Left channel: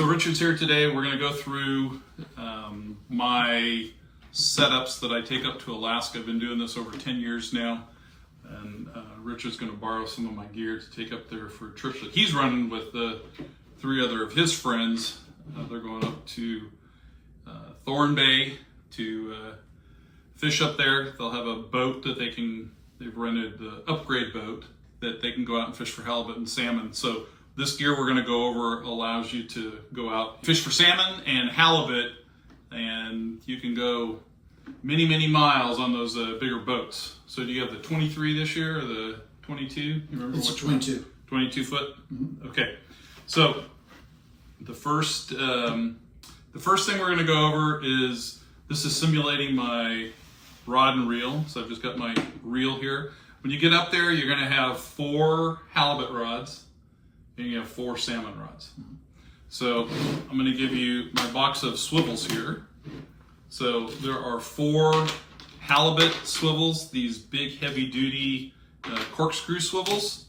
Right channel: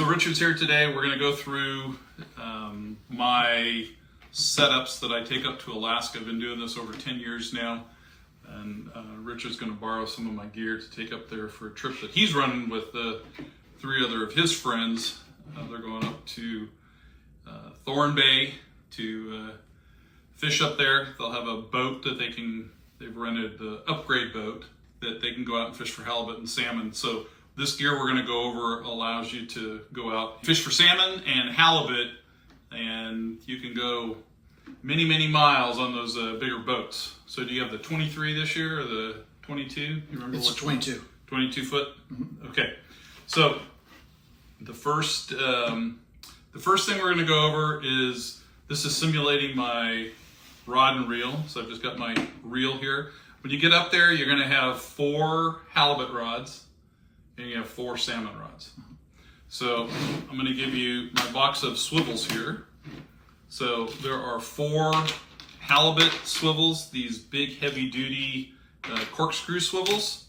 So Richard's here today. We're going to go through my setups that I take up to Alaska. I've been doing this over 10 years now. And Richard's going to borrow some of my gear to take up there for a trip that he's running with three other of his friends. They're going up to Thorn Bay to fish up there. They'll have a boat that they've rented the upgrade boat that they can go out and fish for halibut and salmon. So this gear we're going to go over allows you to go out, fish for salmon and halibut, and you can go many, many miles on those bigger boats. So do you have the 23 this year or the 22? You remember it's what? 22. 22 foot? Mm-hmm. Okay. So the first thing we're going to go over is, this is simulating my rod and reel. So I've just got my reel here. When you get up there, you're going to have 4 halibut rods and you have 4 salmon rods. So I'm going to give you my box of swivels here. So there are 4 halibut swivels, these big heavy duty corkscrew swivels.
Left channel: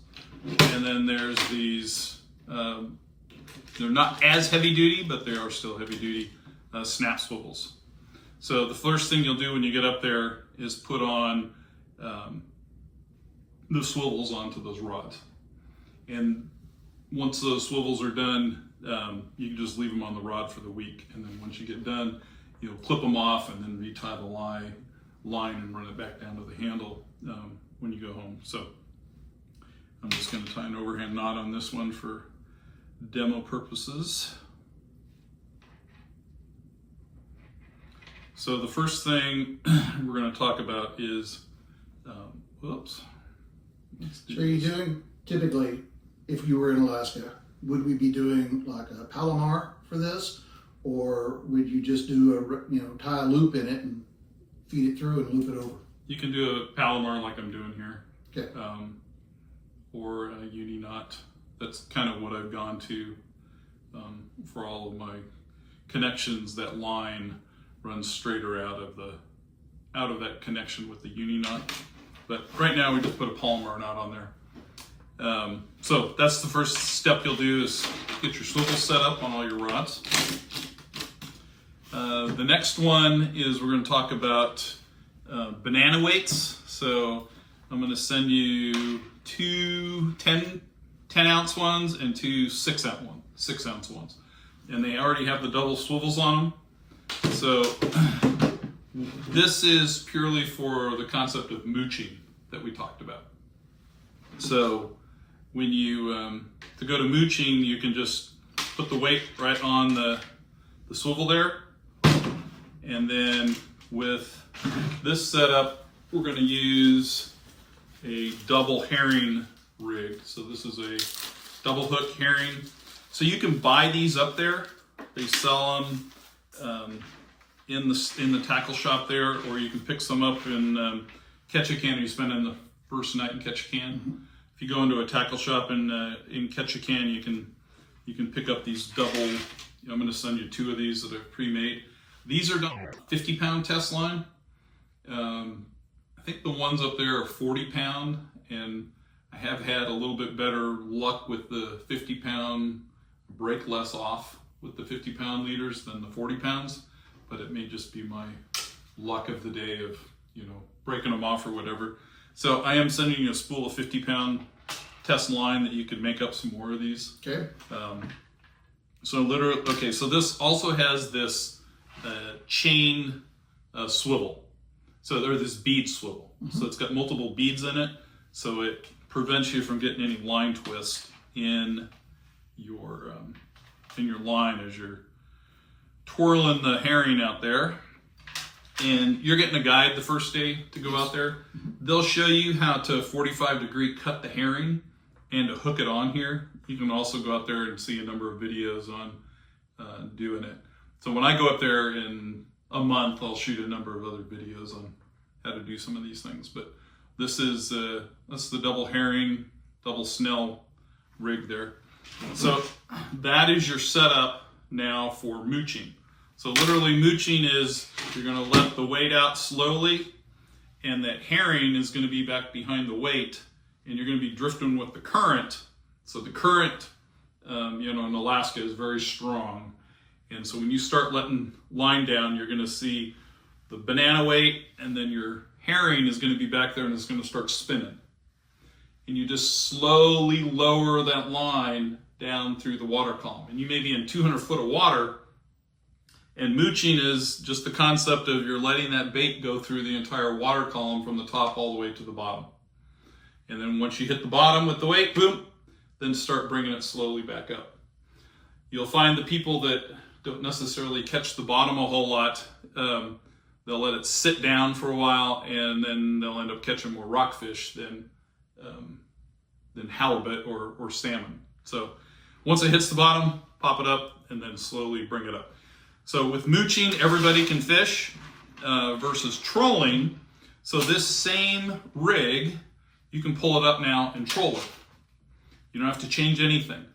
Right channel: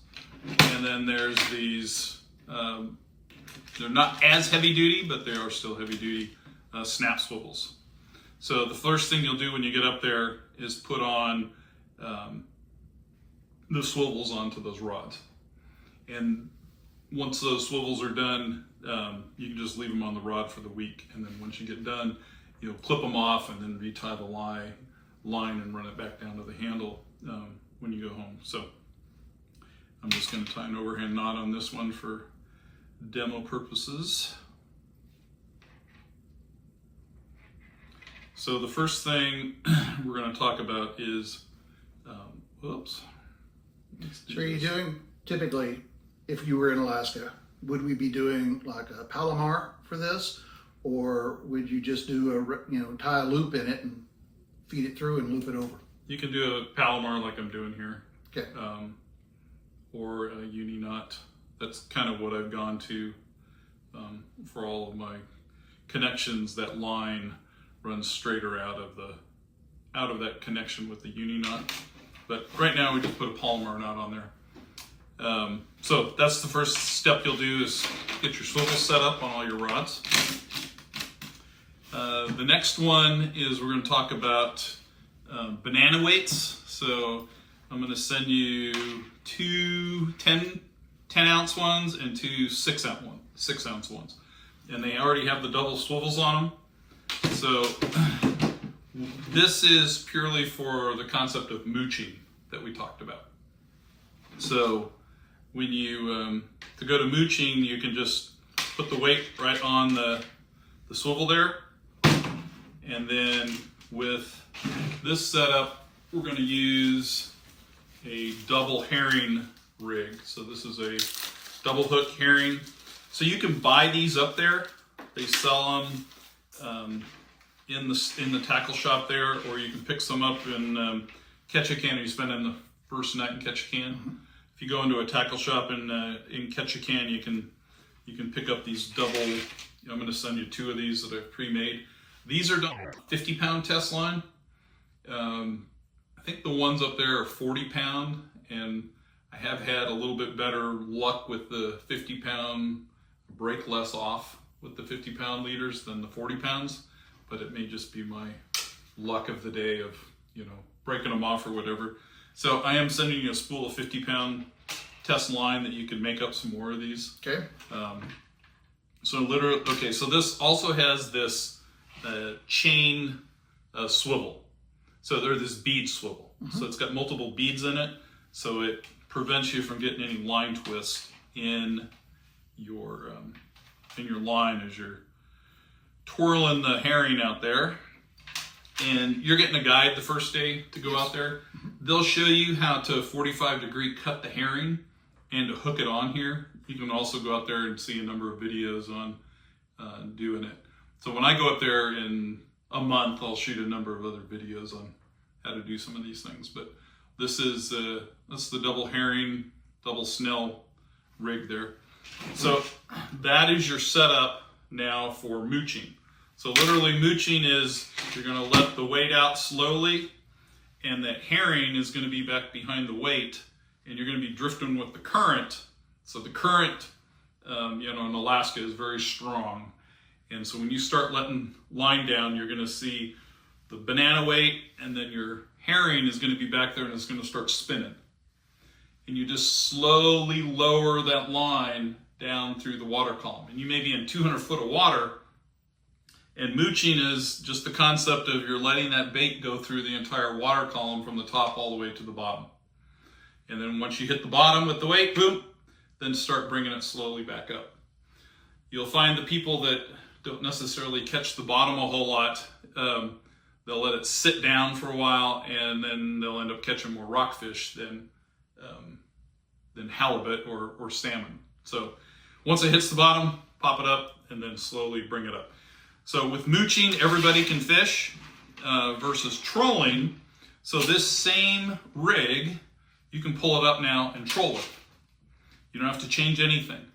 And then there's these, they're not as heavy duty, but they are still heavy duty snap swivels. So the first thing you'll do when you get up there is put on the swivels onto those rods. And once those swivels are done, you can just leave them on the rod for the week. And then once you get done, you'll clip them off and then retie the line and run it back down to the handle when you go home. So I'm just going to tie an overhand knot on this one for demo purposes. So the first thing we're going to talk about is, whoops. So are you doing, typically, if you were in Alaska, would we be doing like a Palomar for this? Or would you just do tie a loop in it and feed it through and loop it over? You can do a Palomar like I'm doing here. Okay. Or a uni knot. That's kind of what I've gone to for all of my connections. That line runs straighter out of that connection with the uni knot. But right now we just put a Palomar knot on there. So that's the first step you'll do, is get your swivel set up on all your rods. The next one is we're going to talk about banana weights. So I'm going to send you 2 10-ounce ones and 2 6-ounce ones. And they already have the double swivels on them. So this is purely for the concept of mooching that we talked about. So when you, to go to mooching, you can just put the weight right on the swivel there. And then with this setup, we're going to use a double herring rig. So this is a double hook herring. So you can buy these up there. They sell them in the tackle shop there, or you can pick some up in Ketchikan. If you spend in the first night in Ketchikan. Mm-hmm. If you go into a tackle shop in Ketchikan, you can pick up these double. I'm going to send you 2 of these that are pre-made. These are 50-pound test line. I think the ones up there are 40-pound, and I have had a little bit better luck with the 50-pound. Break less off with the 50-pound leaders than the 40 pounds, but it may just be my luck of the day of breaking them off or whatever. So I am sending you a spool of 50-pound test line that you could make up some more of these. Okay. So this also has this chain swivel. So they're this bead swivel. Mm-hmm. So it's got multiple beads in it, so it prevents you from getting any line twist in your line as you're twirling the herring out there. And you're getting a guide the first day to go out there. They'll show you how to 45-degree cut the herring and to hook it on here. You can also go out there and see a number of videos on doing it. So when I go up there in a month, I'll shoot a number of other videos on how to do some of these things. But this is that's the double herring, double snell rig there. So that is your setup now for mooching. So literally mooching is you're going to let the weight out slowly, and that herring is going to be back behind the weight, and you're going to be drifting with the current. So the current in Alaska is very strong. And so when you start letting line down, you're going to see the banana weight, and then your herring is going to be back there and it's going to start spinning. And you just slowly lower that line down through the water column. And you may be in 200 foot of water, and mooching is just the concept of you're letting that bait go through the entire water column from the top all the way to the bottom. And then once you hit the bottom with the weight, boom, then start bringing it slowly back up. You'll find the people that don't necessarily catch the bottom a whole lot, they'll let it sit down for a while, and then they'll end up catching more rockfish than halibut or salmon. So once it hits the bottom, pop it up, and then slowly bring it up. So with mooching, everybody can fish versus trolling. So this same rig, you can pull it up now and troll it. You don't have to change anything.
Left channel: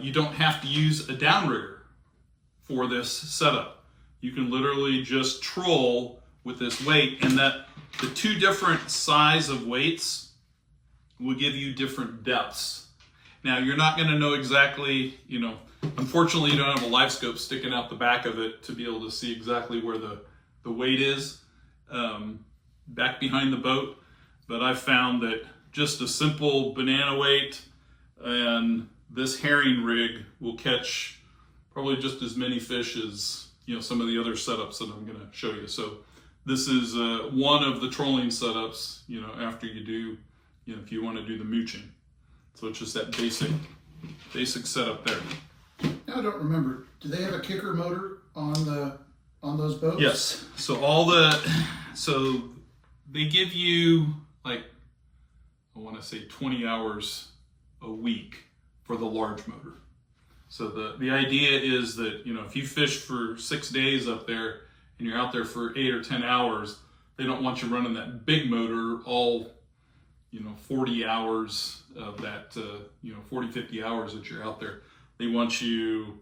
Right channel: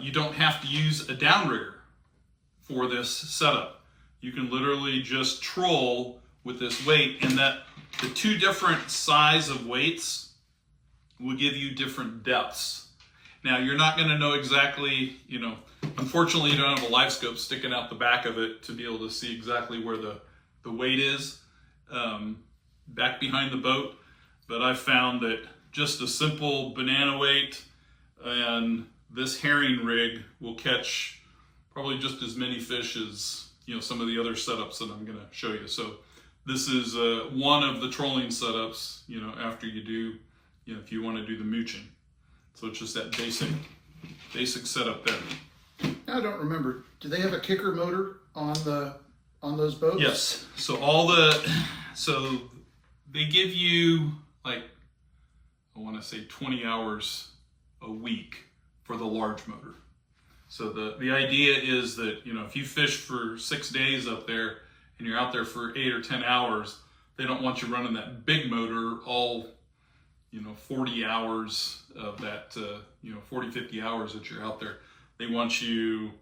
You don't have to use a downrigger for this setup. You can literally just troll with this weight, and that the two different size of weights will give you different depths. Now, you're not going to know exactly, unfortunately, you don't have a live scope sticking out the back of it to be able to see exactly where the weight is back behind the boat. But I found that just a simple banana weight and this herring rig will catch probably just as many fish as some of the other setups that I'm going to show you. So this is one of the trolling setups, after you do, if you want to do the mooching. So it's just that basic setup there. I don't remember. Do they have a kicker motor on those boats? Yes. So so they give you I want to say 20 hours a week for the large motor. So the idea is that, if you fish for 6 days up there and you're out there for 8 or 10 hours, they don't want you running that big motor all, 40 hours of that, 40, 50 hours that you're out there. They want you,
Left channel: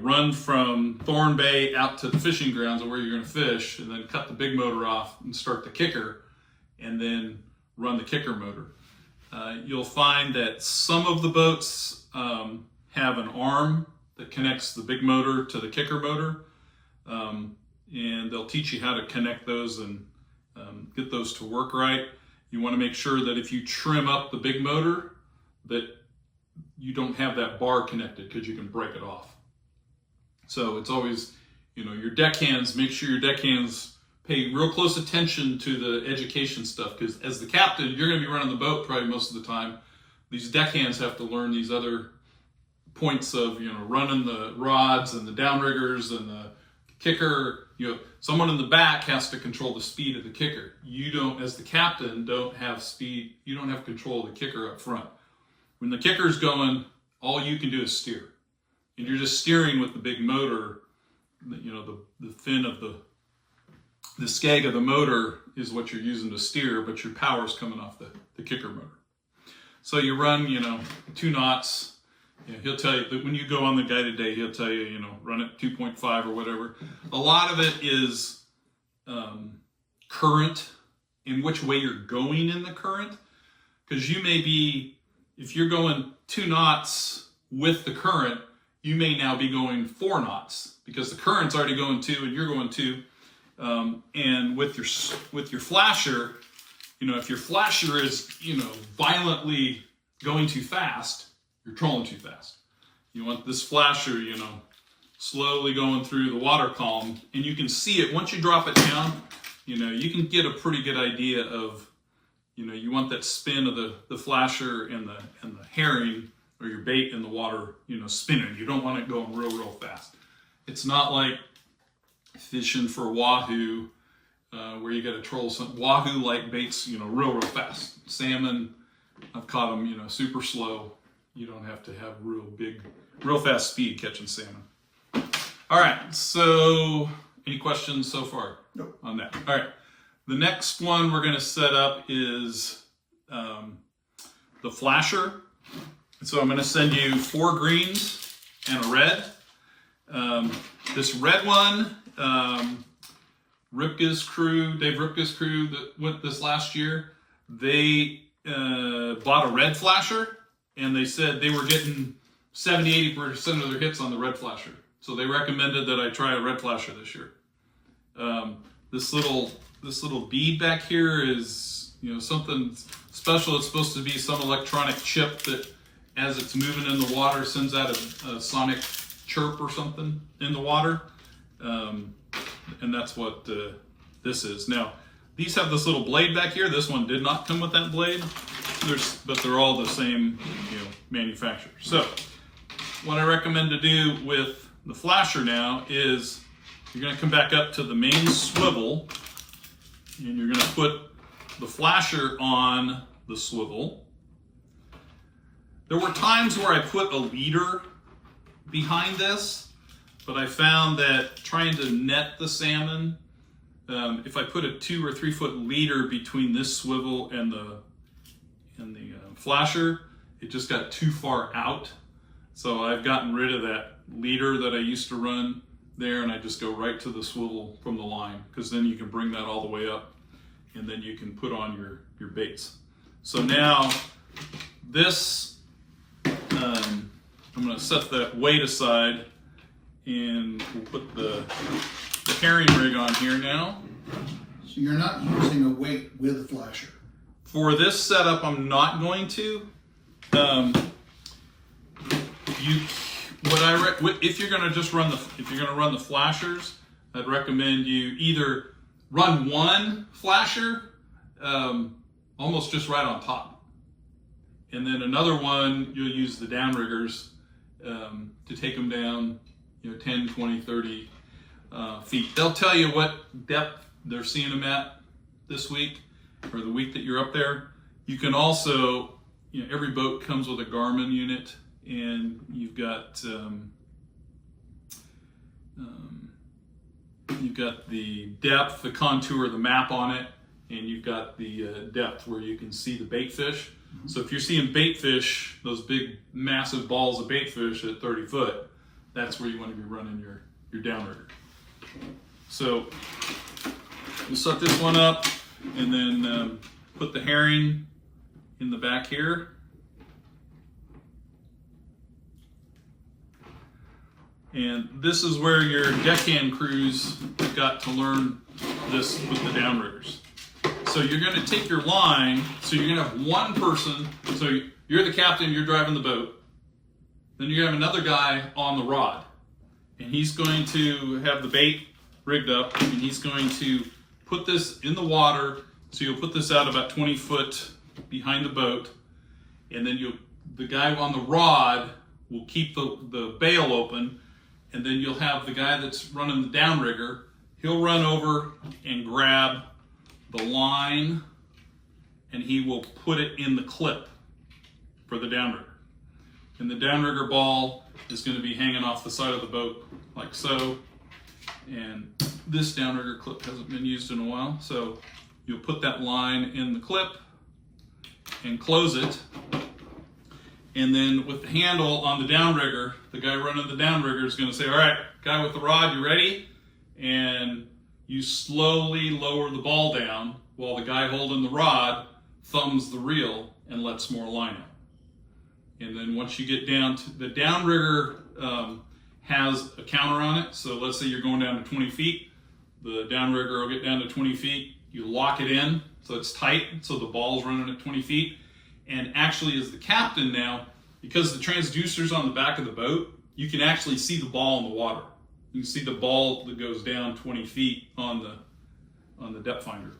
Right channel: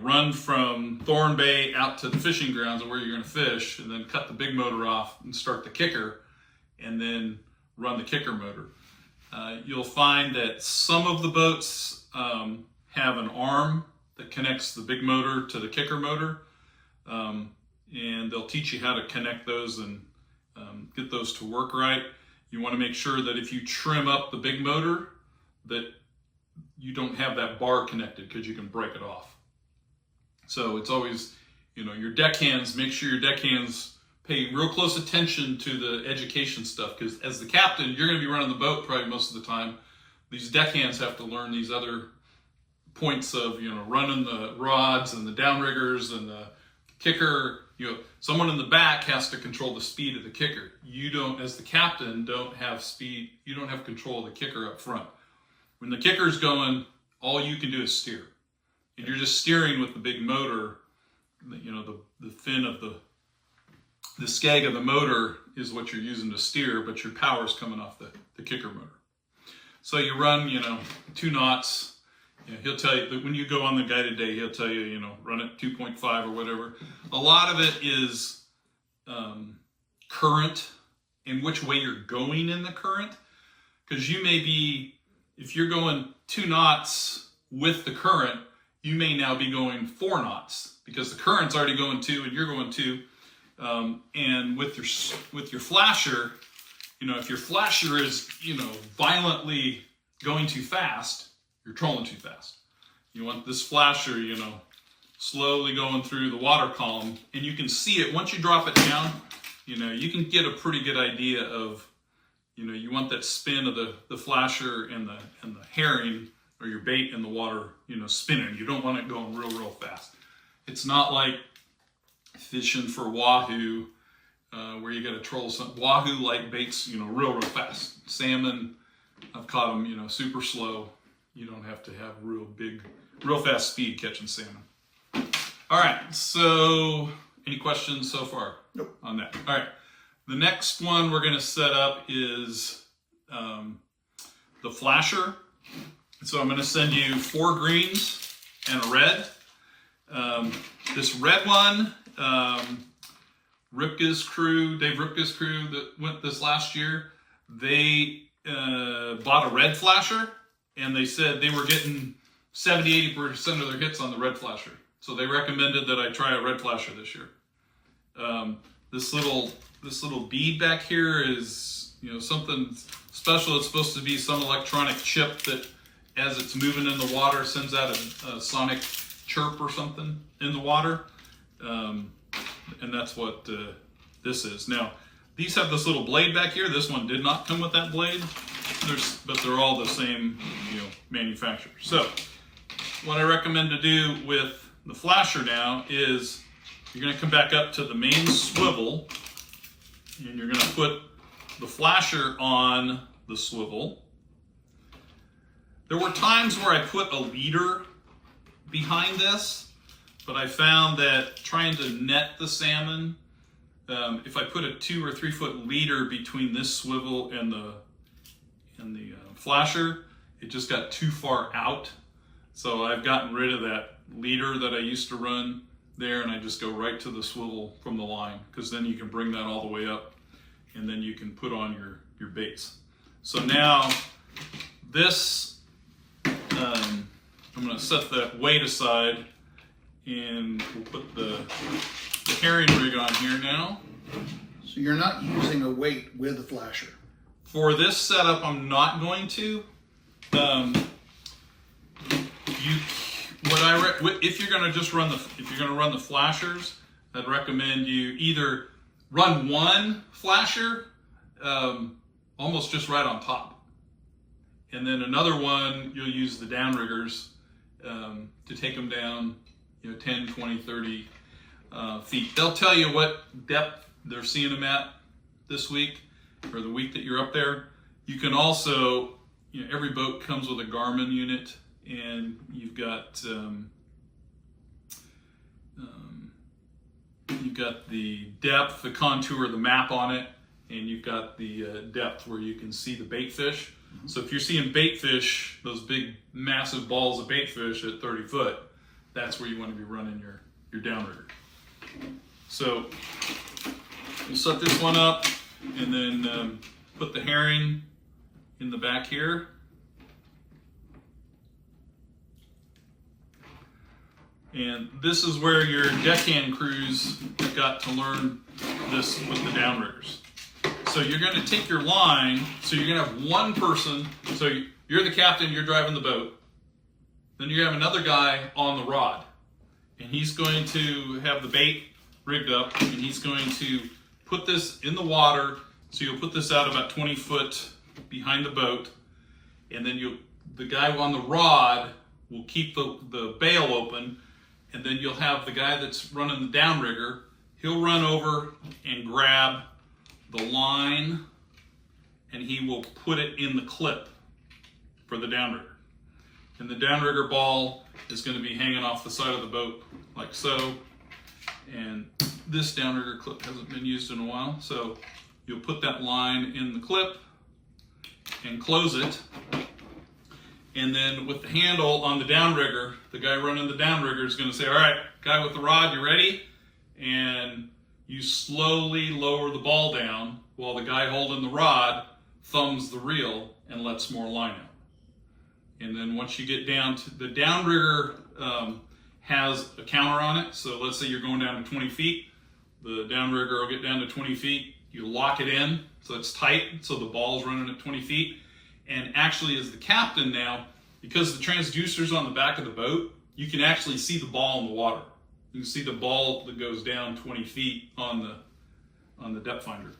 run from Thorn Bay out to the fishing grounds of where you're going to fish, and then cut the big motor off and start the kicker, and then run the kicker motor. You'll find that some of the boats have an arm that connects the big motor to the kicker motor, and they'll teach you how to connect those and get those to work right. You want to make sure that if you trim up the big motor, that you don't have that bar connected, because you can break it off. So it's always, your deckhands, make sure your deckhands pay real close attention to the education stuff, because as the captain, you're going to be running the boat probably most of the time. These deckhands have to learn these other points of, running the rods and the downriggers and the kicker. Someone in the back has to control the speed of the kicker. You don't, as the captain, don't have speed. You don't have control of the kicker up front. When the kicker's going, all you can do is steer. And you're just steering with the big motor. The fin of the skeg of the motor is what you're using to steer, but your power's coming off the kicker motor. So you run, 2 knots. He'll tell you that when you go on the guided day, he'll tell you, run it 2.5 or whatever. A lot of it is current, and which way you're going in the current. Because you may be, if you're going 2 knots with the current, you may now be going 4 knots because the current's already going 2 and you're going 2. And with your flasher, if your flasher is, violently going too fast, you're trolling too fast. You want this flasher, slowly going through the water column, and you can see it. Once you drop it down, you can get a pretty good idea of, you want that spin of the flasher and the herring or your bait in the water, spinning. You don't want it going real fast. It's not like fishing for wahoo, where you got to troll some wahoo-like baits, real fast. Salmon, I've caught them, super slow. You don't have to have real fast speed catching salmon. All right, so any questions so far on that? All right, the next one we're going to set up is the flasher. So I'm going to send you 4 greens and a red. This red one, Dave Ripka's crew that went this last year, they bought a red flasher, and they said they were getting 70-80% of their hits on the red flasher. So they recommended that I try a red flasher this year. This little bead back here is, you know, something special. It's supposed to be some electronic chip that, as it's moving in the water, sends out a sonic chirp or something in the water, and that's what this is. Now, these have this little blade back here. This one did not come with that blade, but they're all the same, you know, manufacturer. So, what I recommend to do with the flasher now is you're going to come back up to the main swivel, and you're going to put the flasher on the swivel. There were times where I put a leader behind this, but I found that trying to net the salmon, if I put a 2 or 3 foot leader between this swivel and the flasher, it just got too far out. So I've gotten rid of that leader that I used to run there, and I just go right to the swivel from the line, because then you can bring that all the way up, and then you can put on your baits. So now this, I'm going to set the weight aside, and we'll put the herring rig on here now. So you're not using a weight with a flasher? For this setup, I'm not going to. If you're going to just run the flashers, I'd recommend you either run one flasher, almost just right on top, and then another one you'll use the downriggers to take them down, you know, 10, 20, 30 feet. They'll tell you what depth they're seeing them at this week or the week that you're up there. You can also, you know, every boat comes with a Garmin unit, and you've got the depth, the contour, the map on it, and you've got the depth where you can see the bait fish. Mm-hmm. So if you're seeing bait fish, those big massive balls of bait fish at 30 foot, that's where you want to be running your downrigger. So we'll set this one up, and then put the herring in the back here. And this is where your deckhand crews have got to learn this with the downriggers. So you're going to take your line, so you're going to have one person, so you're the captain, you're driving the boat. Then you have another guy on the rod, and he's going to have the bait rigged up, and he's going to put this in the water. So you'll put this out about 20 foot behind the boat, and then the guy on the rod will keep the bail open, and then you'll have the guy that's running the downrigger. He'll run over and grab the line, and he will put it in the clip for the downrigger. And the downrigger ball is going to be hanging off the side of the boat like so. And this downrigger clip hasn't been used in a while, so you'll put that line in the clip and close it. And then with the handle on the downrigger, the guy running the downrigger is going to say, all right, guy with the rod, you ready? And you slowly lower the ball down while the guy holding the rod thumbs the reel and lets more line out. And then once you get down to the downrigger, has a counter on it. So let's say you're going down to 20 feet. The downrigger will get down to 20 feet. You lock it in so it's tight, so the ball's running at 20 feet. And actually, as the captain now, because the transducer's on the back of the boat, you can actually see the ball in the water. You can see the ball that goes down 20 feet on the depth finder.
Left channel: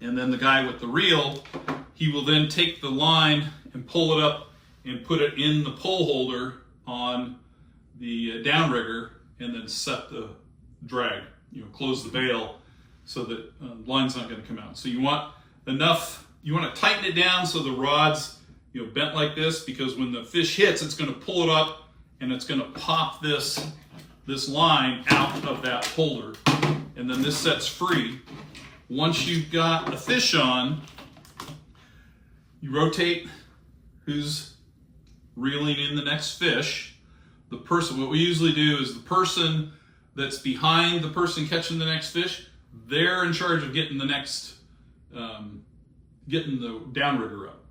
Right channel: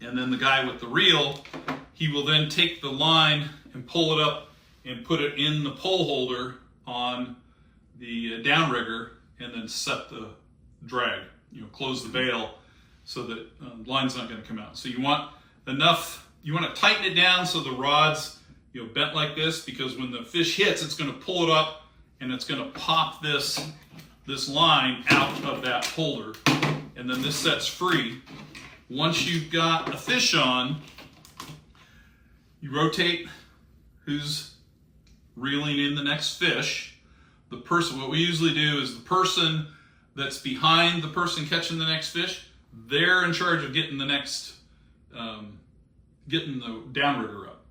And then the guy with the reel, he will then take the line and pull it up and put it in the pole holder on the downrigger, and then set the drag, close the bail so that line's not going to come out. So you want to tighten it down so the rod's bent like this, because when the fish hits, it's going to pull it up and it's going to pop this line out of that holder, and then this sets free. Once you've got a fish on, you rotate who's reeling in the next fish. What we usually do is the person that's behind the person catching the next fish, they're in charge of getting the next, getting the downrigger up.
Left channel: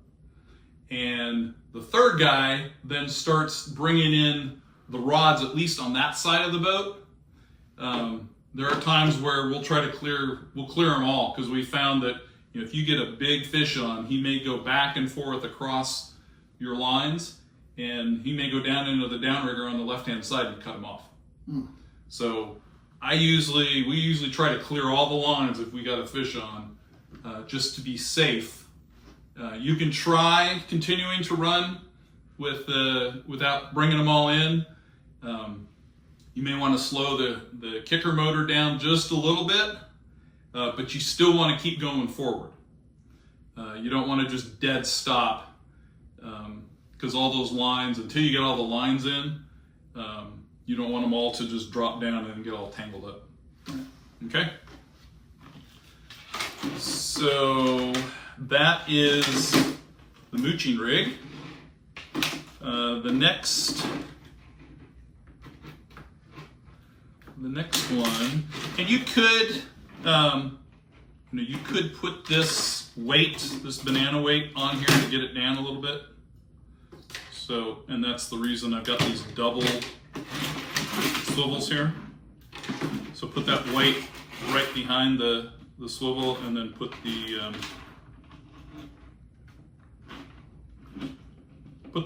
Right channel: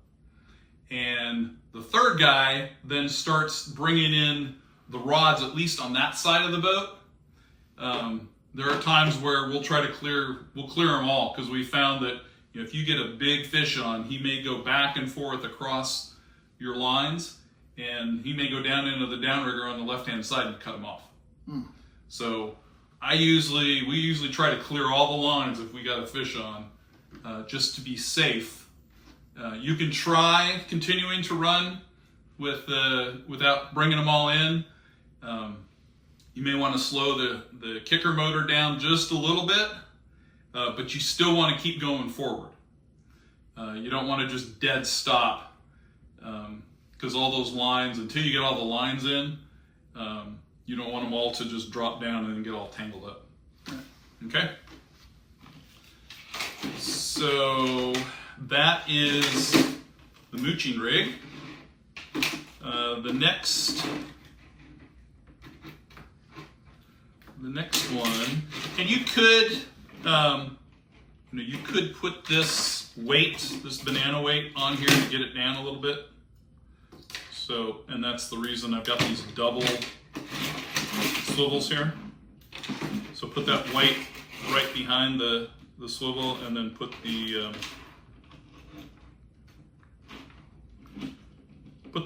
And the third guy then starts bringing in the rods, at least on that side of the boat. There are times where we'll clear them all, because we found that if you get a big fish on, he may go back and forth across your lines, and he may go down into the downrigger on the left-hand side and cut him off. So we usually try to clear all the lines if we got a fish on, just to be safe. You can try continuing to run without bringing them all in. You may want to slow the kicker motor down just a little bit, but you still want to keep going forward. You don't want to just dead stop, because all those lines, until you get all the lines in, you don't want them all to just drop down and get all tangled up. Okay? So that is the mooching rig. The next one, and you could, you could put this banana weight on here to get it down a little bit. So, and that's the reason I've got these double swivels here. So put that weight right behind the swivel, and then put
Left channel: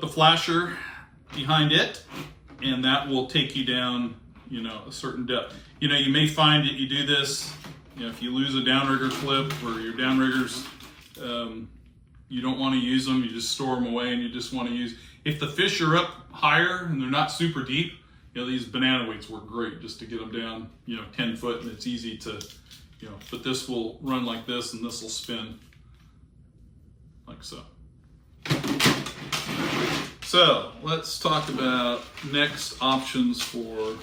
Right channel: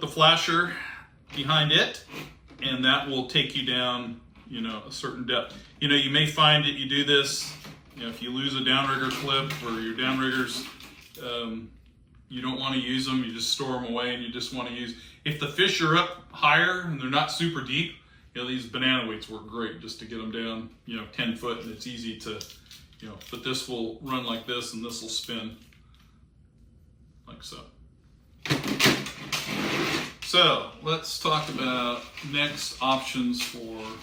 the flasher behind it, and that will take you down, a certain depth. You may find that you do this, if you lose a downrigger clip, or your downriggers, you don't want to use them, you just store them away, and you just want to use, if the fish are up higher and they're not super deep, these banana weights work great just to get them down, 10 foot, and it's easy to, but this will run like this, and this will spin like so. So let's talk about next options for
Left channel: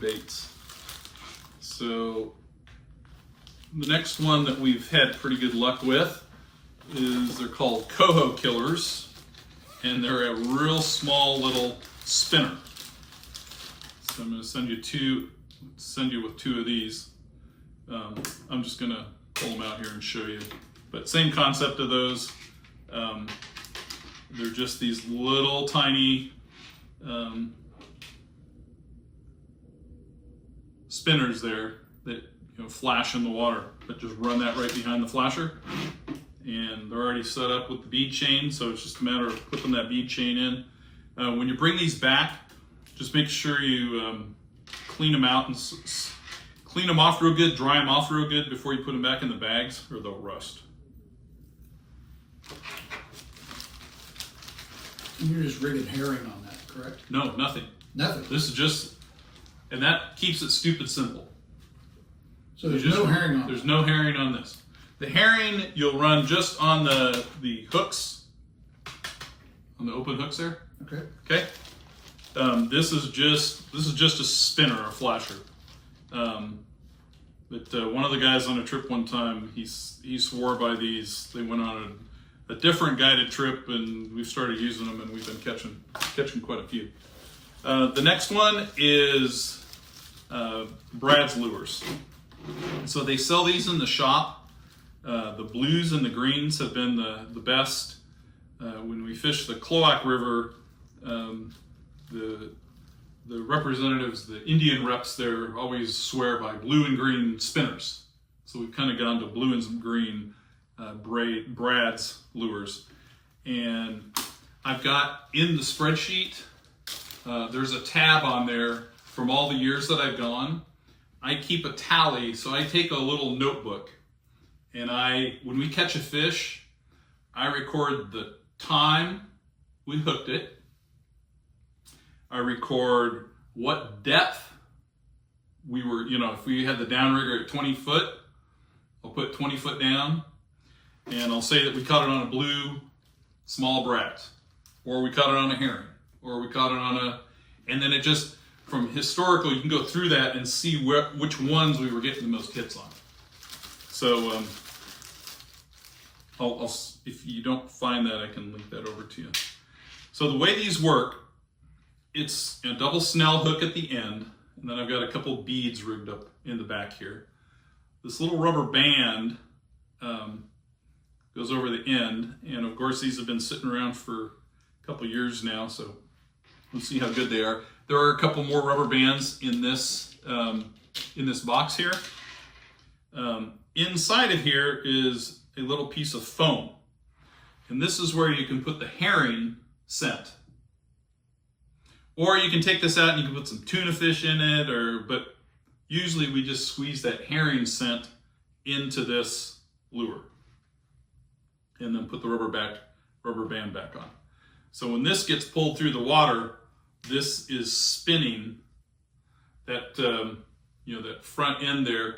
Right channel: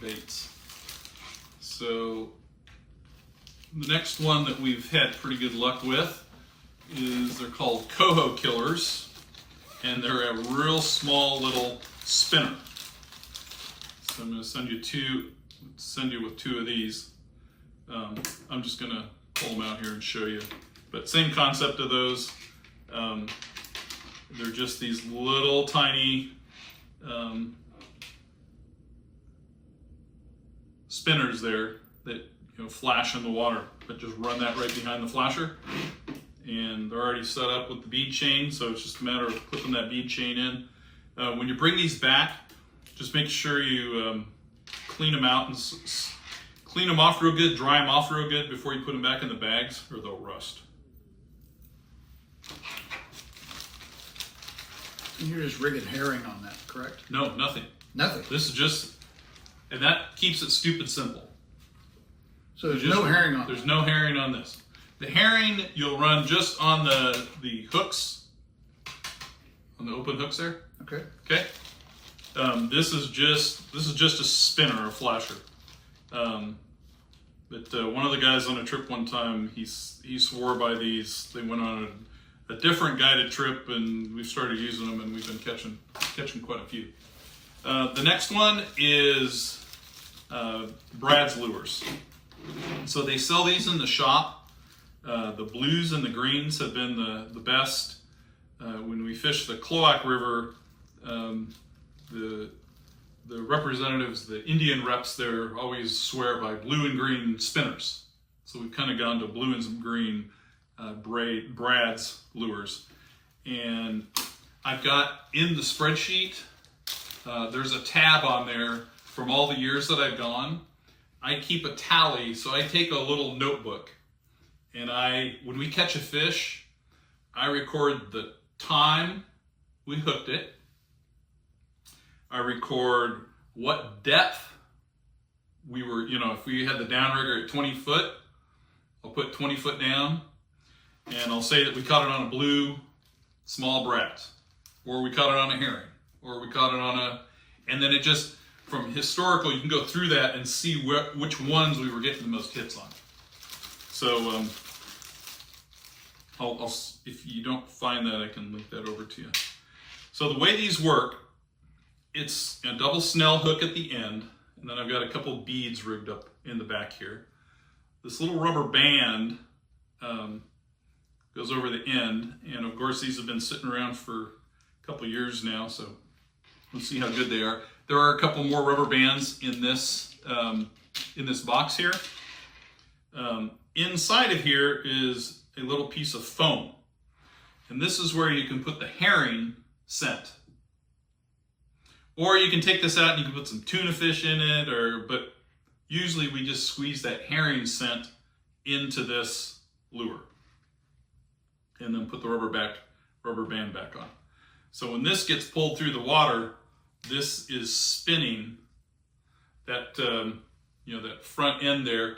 baits. So the next one that we've had pretty good luck with is, they're called Coho Killers, and they're a real small little spinner. So I'm going to send you with two of these. I'm just going to pull them out here and show you. But same concept of those. They're just these little tiny spinners there that flash in the water, but just run that right behind the flasher. And they're already set up with the bead chain, so it's just a matter of putting that bead chain in. When you bring these back, just make sure you clean them out and clean them off real good, dry them off real good before you put them back in the bags, or they'll rust. You're just rigging herring on that, correct? No, nothing. Nothing. This is just, and that keeps it stupid simple. So there's no herring on There's no herring on this. The herring you'll run just on the hooks, on the open hooks there. Okay. Okay. This is just a spinner, a flasher. But one of the guys on a trip one time, he swore by these. They went on a different guided trip, and we've started using them, and we've been catching quite a few. The next one is Brad's lures. So they sell these in the shop. The blues and the greens have been the best. When we fish the Cloac River, the representatives, the Indian reps there, always swear by blue and green spinners. So we've kind of gone to blue and some green Brad's lures. And I've got in the spreadsheet, there's a tab on there from all the years that I've gone. I keep a tally, so I take a little notebook, and when we catch a fish, I record the time we hooked it. I record what depth we were, if we had the downrigger at 20 foot, I'll put 20 foot down, and I'll say that we caught it on a blue small brat, or we caught it on a herring, or we caught it on and then it just, from historical, you can go through that and see which ones we were getting the most hits on. So if you don't find that, I can link that over to you. So the way these work, it's a double snell hook at the end, and then I've got a couple beads rigged up in the back here. This little rubber band goes over the end. And of course, these have been sitting around for a couple years now, so we'll see how good they are. There are a couple more rubber bands in this box here. Inside of here is a little piece of foam, and this is where you can put the herring scent. Or you can take this out and you can put some tuna fish in it, but usually we just squeeze that herring scent into this lure and then put the rubber band back on. So when this gets pulled through the water, this is spinning. That that front end there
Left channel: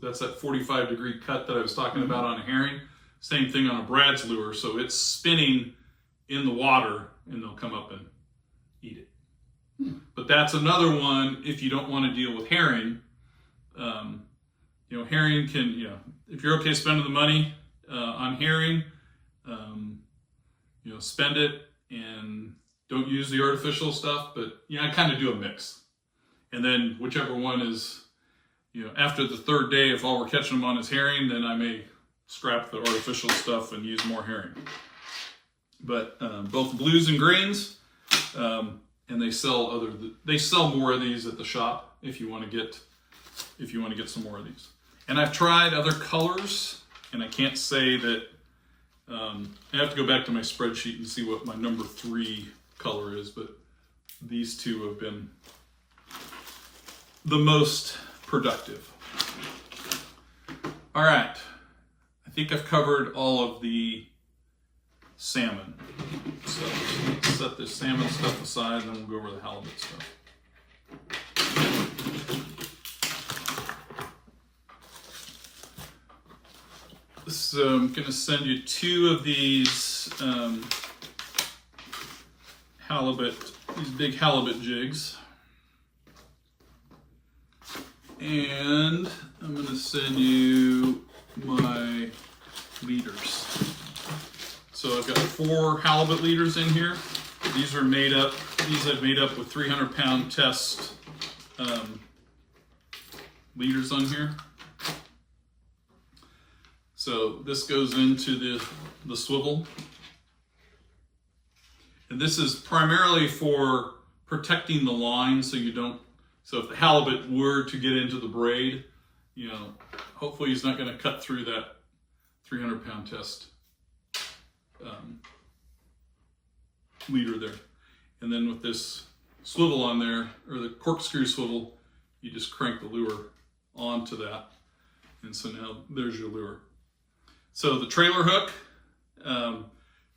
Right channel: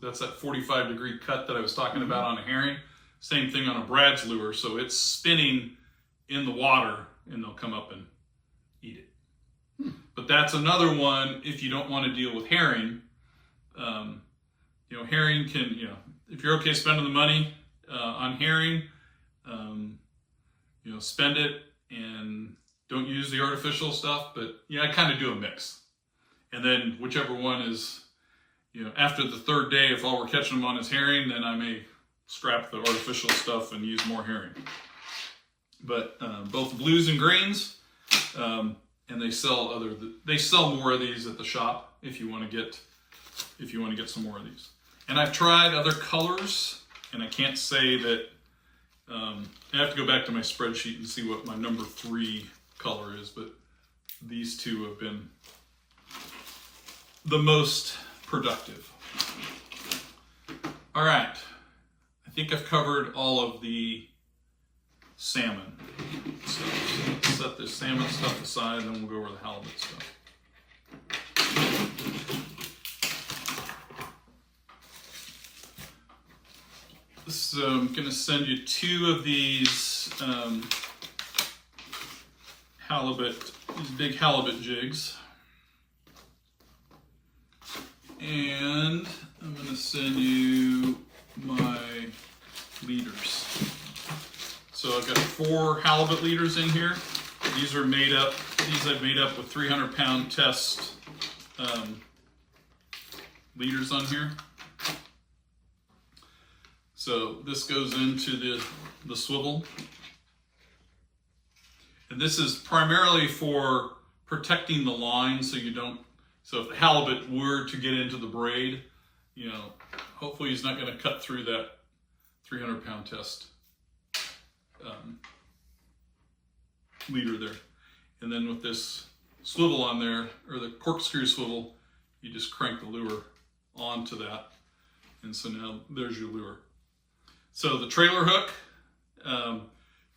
that's that 45-degree cut that I was talking about on a herring. Same thing on a Brad's lure. So it's spinning in the water, and they'll come up and eat it. But that's another one if you don't want to deal with herring. Herring can, if you're okay spending the money on herring, spend it and don't use the artificial stuff. But I kind of do a mix. And then whichever one is, after the third day, if all we're catching them on is herring, then I may scrap the artificial stuff and use more herring. But both blues and greens, and they sell more of these at the shop if you want to get some more of these. And I've tried other colors, and I can't say that. I have to go back to my spreadsheet and see what my number 3 color is, but these two have been the most productive. All right, I think I've covered all of the salmon stuff. So let's set this salmon stuff aside, and then we'll go over the halibut stuff. So I'm going to send you 2 of these these big halibut jigs. And I'm going to send you my leaders. So I've got 4 halibut leaders in here. These I've made up with 300-pound test leaders on here. So this goes into the swivel. And this is primarily for protecting the line so if the halibut were to get into the braid, hopefully he's not going to cut through that 300-pound test leader there. And then with this swivel on there, or the corkscrew swivel, you just crank the lure onto that. And so now there's your lure. So the trailer hook,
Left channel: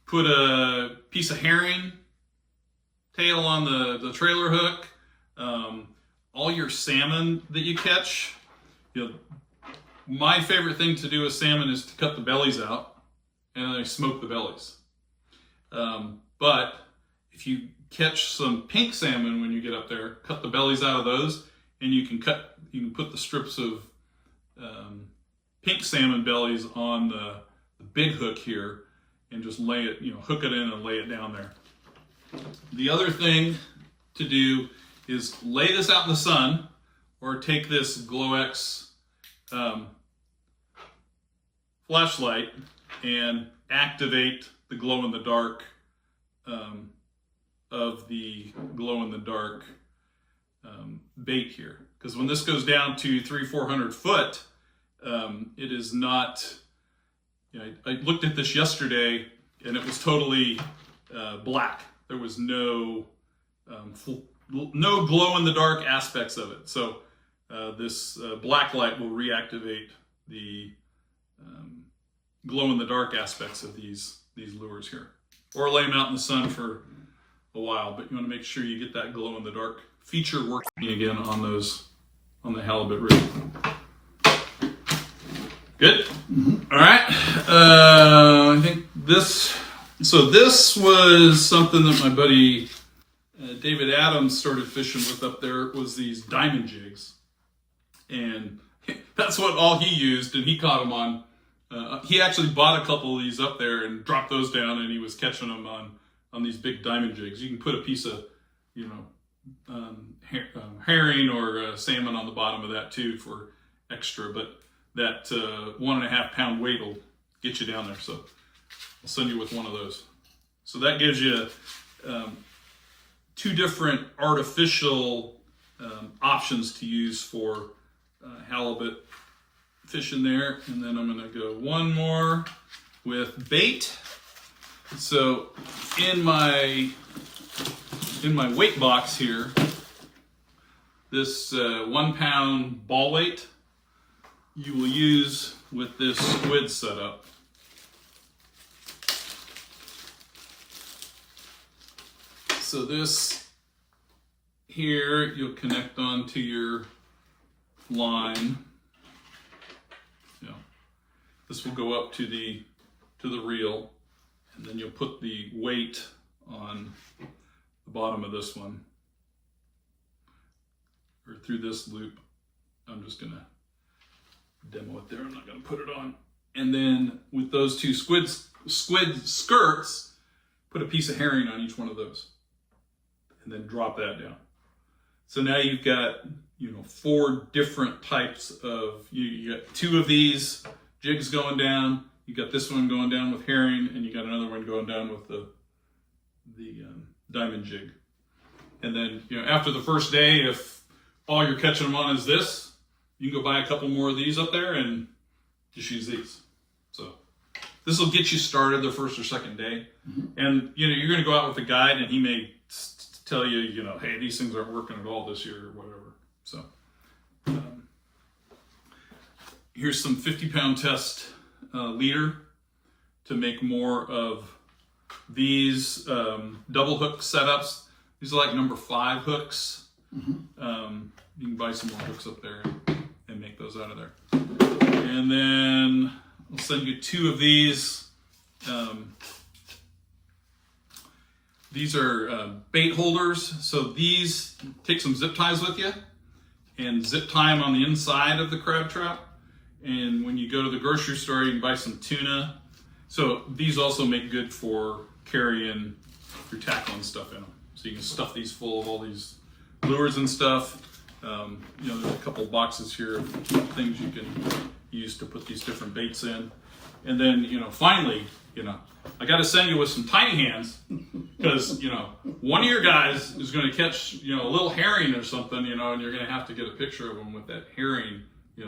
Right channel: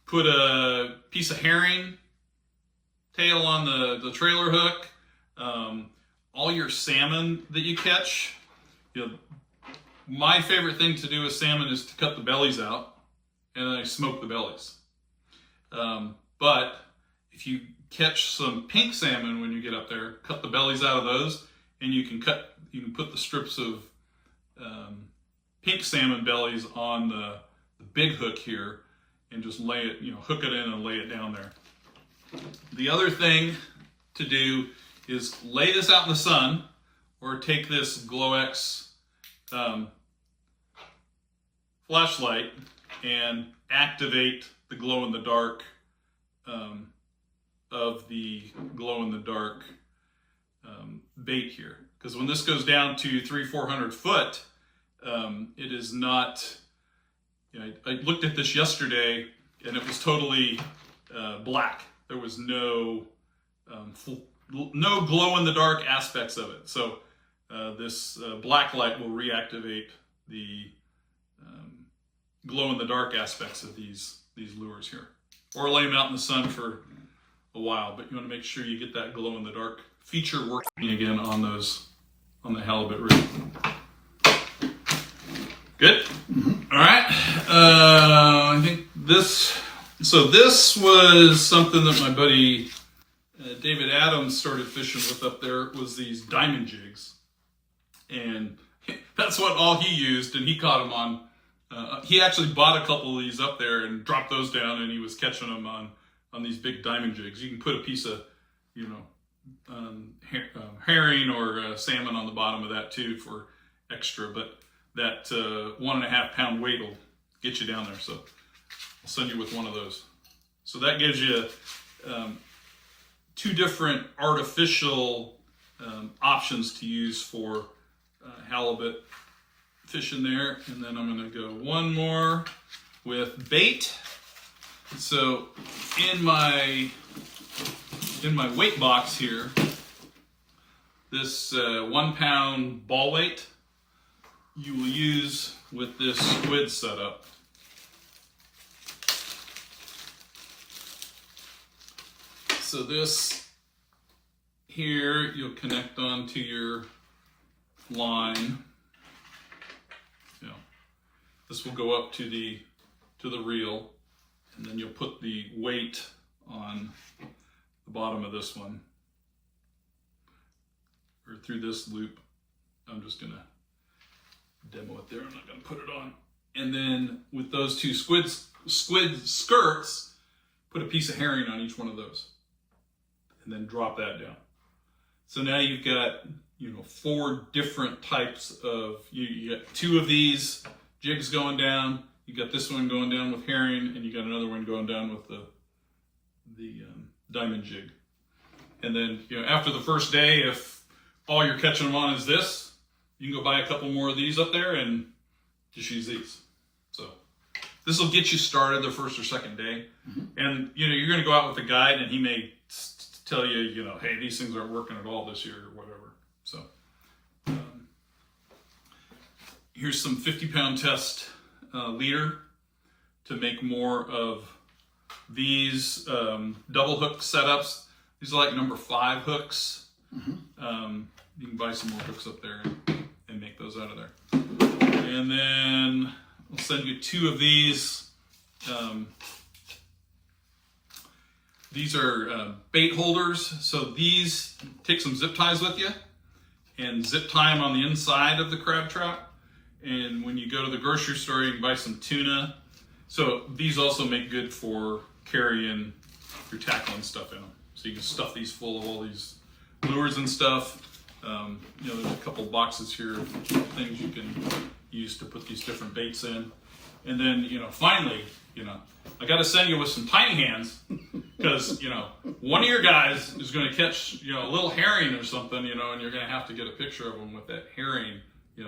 put a piece of herring tail on the trailer hook. All your salmon that you catch, my favorite thing to do with salmon is to cut the bellies out, and then I smoke the bellies. But if you catch some pink salmon when you get up there, cut the bellies out of those, and you can put the strips of pink salmon bellies on the big hook here and just lay it, hook it in and lay it down there. The other thing to do is lay this out in the sun, or take this GlowX flashlight and activate the glow-in-the-dark of the glow-in-the-dark bait here. Because when this goes down to 300-400 foot, it is not, I looked at this yesterday and it was totally black. There was no glow-in-the-dark aspects of it. So this black light will reactivate the glow-in-the-dark aspects of these lures here. Or lay them out in the sun for a while, but you want to make sure you get that glow-in-the-dark feature working again on the halibut rig. Good? Mm-hmm. All right. I think this was something that my buddy David Adams started fishing with up there, was these diamond jigs. And that's what all he used, and he caught them on. He actually bought a couple of these up there and dropped those down, and he was catching them on these big diamond jigs. You can put a piece of, herring or salmon on the bottom of that too for extra, but that 1.5 pound weight will get you down there. So I'll send you with one of those. So that gives you 2 different artificial options to use for halibut fishing there. And then I'm going to go one more with bait. So in my weight box here, this 1 pound ball weight you will use with this squid setup. So this here you'll connect onto your line. This will go up to the reel, and then you'll put the weight on the bottom of this one, or through this loop. I'm just gonna demo it there. I'm not gonna put it on. And then with those 2 squid skirts, put a piece of herring on each one of those, and then drop that down. So now you've got 4 different types of, you got 2 of these jigs going down, you got this one going down with herring, and you got another one going down with the diamond jig. And then after the first day, if all you're catching them on is this, you can go buy a couple more of these up there and just use these. So this will get you started the first or second day. And you're going to go out with a guide, and he may tell you, hey, these things aren't working at all this year or whatever. So here's some 50-pound test leader to make more of these double hook setups. These are like number 5 hooks. You can buy some more hooks up there and make those out of there. And then I'll send you 2 of these. These are bait holders. So these, take some zip ties with you and zip tie them on the inside of the crab trap. And when you go to the grocery store, you can buy some tuna. So these also make good for carrying your tackle and stuff in them. So you can stuff these full of all these lures and stuff. There's a couple boxes here of things you can use to put these different baits in. And then, finally, I got to send you with some tiny hands, because, one of your guys is going to catch, a little herring or something, and you're going to have to get a picture of them with that herring.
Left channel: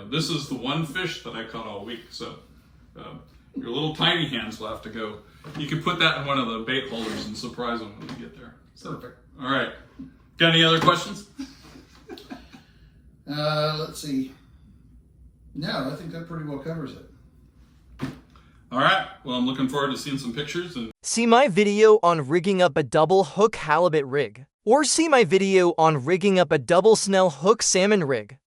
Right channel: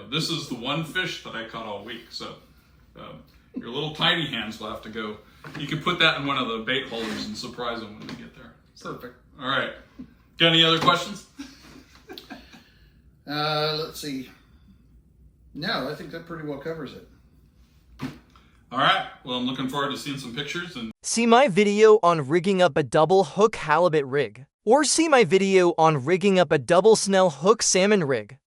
This is the one fish that I caught all week. So your little tiny hands will have to go. You can put that in one of the bait holders and surprise them when they get there. Perfect. All right. Got any other questions? Let's see. No, I think that pretty well covers it. All right. Well, I'm looking forward to seeing some pictures. And see my video on rigging up a double hook halibut rig, or see my video on rigging up a double snell hook salmon rig.